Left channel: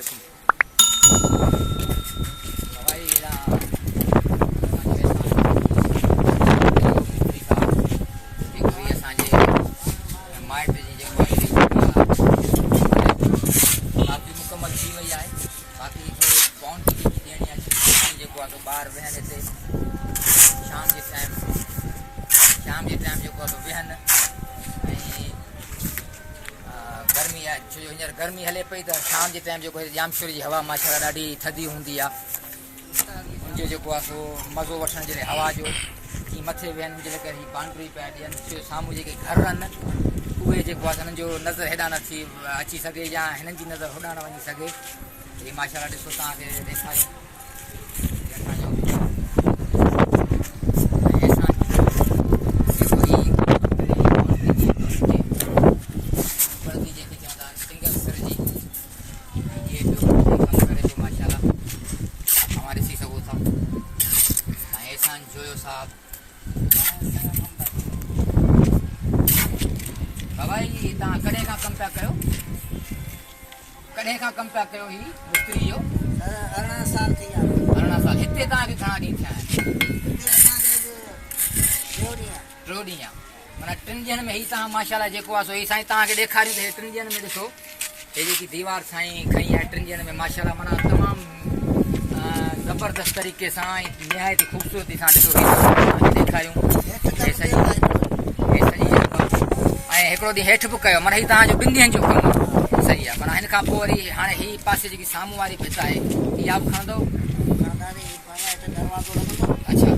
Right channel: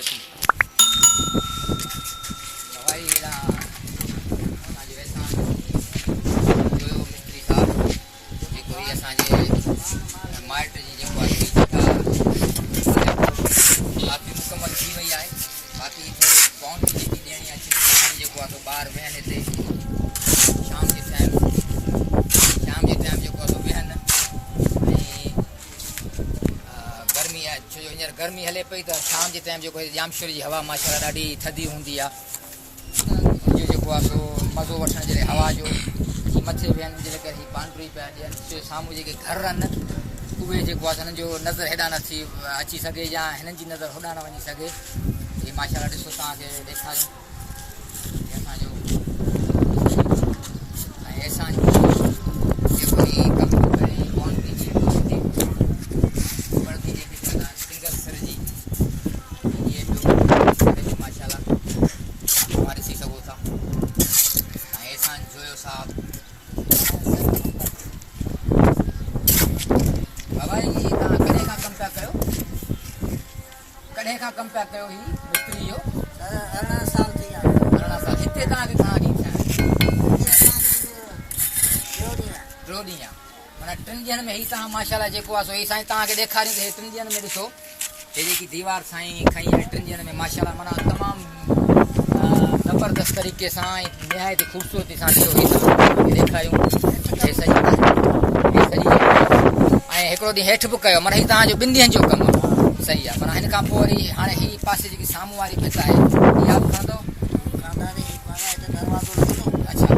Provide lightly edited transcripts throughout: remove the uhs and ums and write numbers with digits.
वालेकुम भाई मिस्त्री साहब जेको असांजे माइट जी जेको काफ़ी मुकमल थी वई आहे बाक़ी थोरी बाउंड्री जेकी ॾियणी आहे जेको आहे ॿार वेहनि हिते शाम जे टाइम जेको आहे वेहनि गर्मी आहे छो जो हींअर गर्मी हले पई त शाम जे टाइम जेको जामशोर जी हवा माशाल्लाह ॾाढी थधी हूंदी आहे हुनजो जेको आहे सो मज़ो वठण जे लाइ हवा जो मथे वेहनि जे करे बाउंड्री पिया ॾियनि छो जो साम्हूं जेके घर आहिनि उहे जेको आहे हिननि जो नज़र हेॾा नथी अची सघे या हिननि जी नज़र होॾा न वञी सघे हीअ माशाल्लाह ॾिसो तव्हांखे ॾेखारियूं असांजो एहसान जोयो साहब बाबा जी तव्हां कॾहिं खां कमु पिया कयो ही मिस्त्री जो 18 साल थी विया 18 साल हिते तव्हांखे घणा ॾींहं थिया आहिनि टियों ॾींहं माना 3 ॾींहंनि में ही तव्हां माशाल्लाह जेको आहे सो ही साईं तव्हांखे ॾेखारियूं त 3 ॾींहंनि में ॾिसो हे जेकी दीवार साईं खई आहे 3 ॾींहंनि में माशाल्लाह माना तमामु ज़बरदस्त तरीक़े सां निहायत ख़ूबसूरती सां ॾेखारियूं ऐं सही ऐं हिकिड़ो ॾींहुं हेठि बि कयो माना हीउ तव्हांजो 2 ॾींहंनि जो कमु सही आहे पर हिन खां पोइ वरी हाणे हीअ पासे जेकी साम्हूं वारी भित आहे इहा बि खणंदो दरवाज़ो अच्छा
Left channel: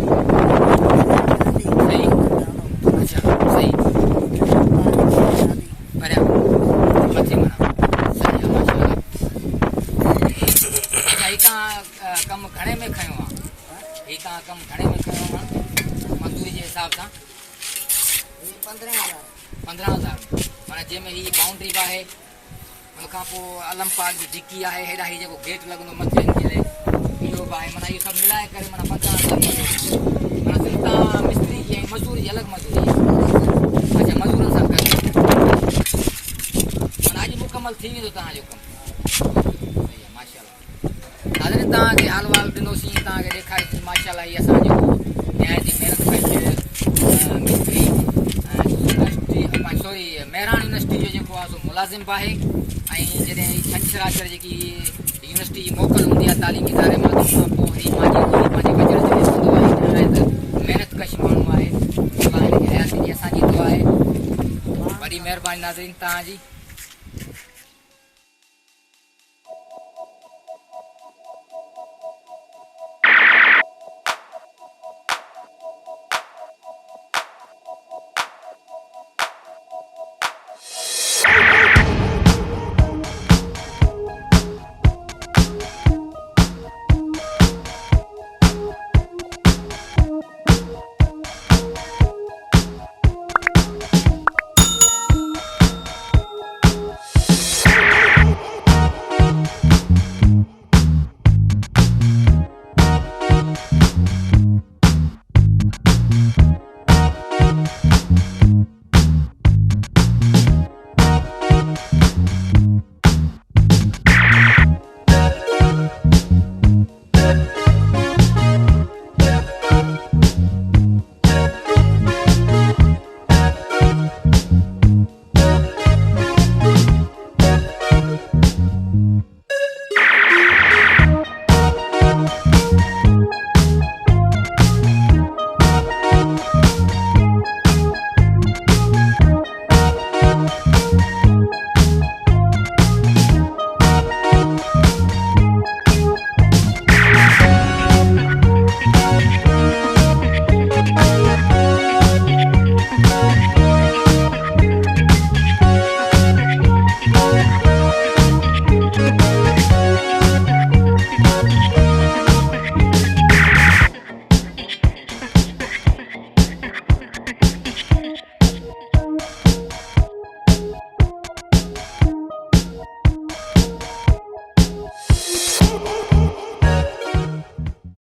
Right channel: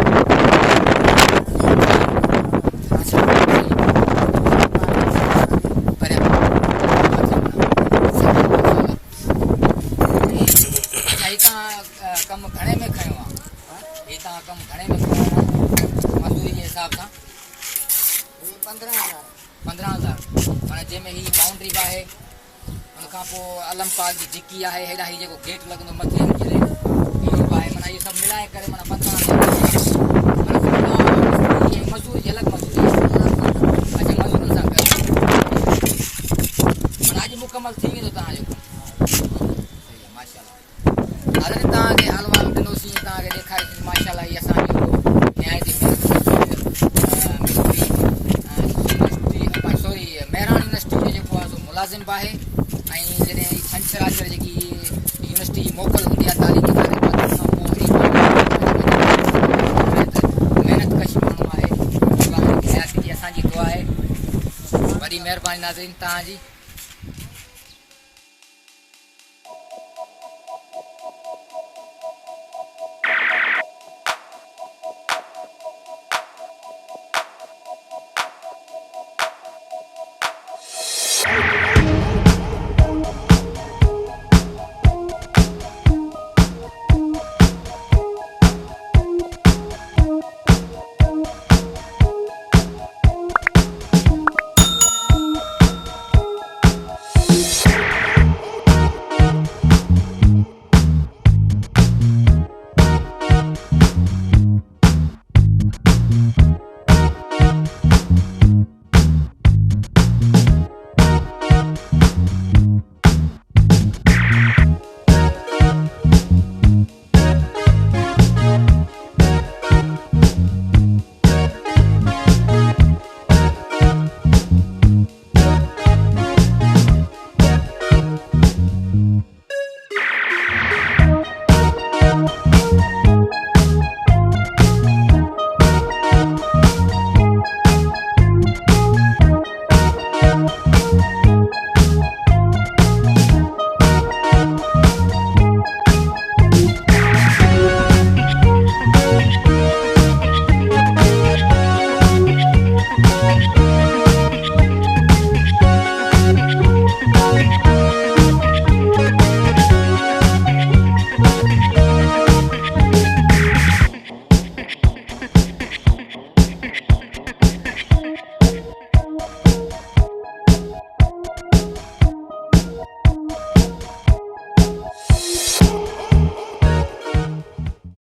कमु घणे में खयो आहे ही तव्हां कमु घणे में खयो आहे मज़दूरी जे हिसाब सां 15,000 माना जंहिंमें हीअ बाउंड्री बि आहे हुन खां पोइ अलम पार्क जी धिकी आहे हेॾा हीअ जेको गेट लॻंदो मथे इहो बि आहे माना इहो सभु मिलाए करे माना 15,000 माना मिस्त्री जी मज़दूरी जी अलॻि मज़दूरी अच्छा मज़दूरनि सां कयो माना अॼु मुकमल थी वेंदो तव्हांजो कमु माशाल्लाह हालनि तव्हांखे हाल वाल ॾिनोसीं तव्हांखे ॾेखारीसीं माशाल्लाह हीअ असांजो सॉरी महिराणी यूनिवर्सिटी जो जेको आहे सो मुलाज़िम बि आहे ऐं जॾहिं छंछरु जेकी यूनिवर्सिटी जी मोकल हूंदी आहे तालीमी इदारे मां पोइ महिनत कश माण्हू आहे हयाती जी असांजी दुआ आहे वॾी महिरबानी नाज़रीन तव्हांजी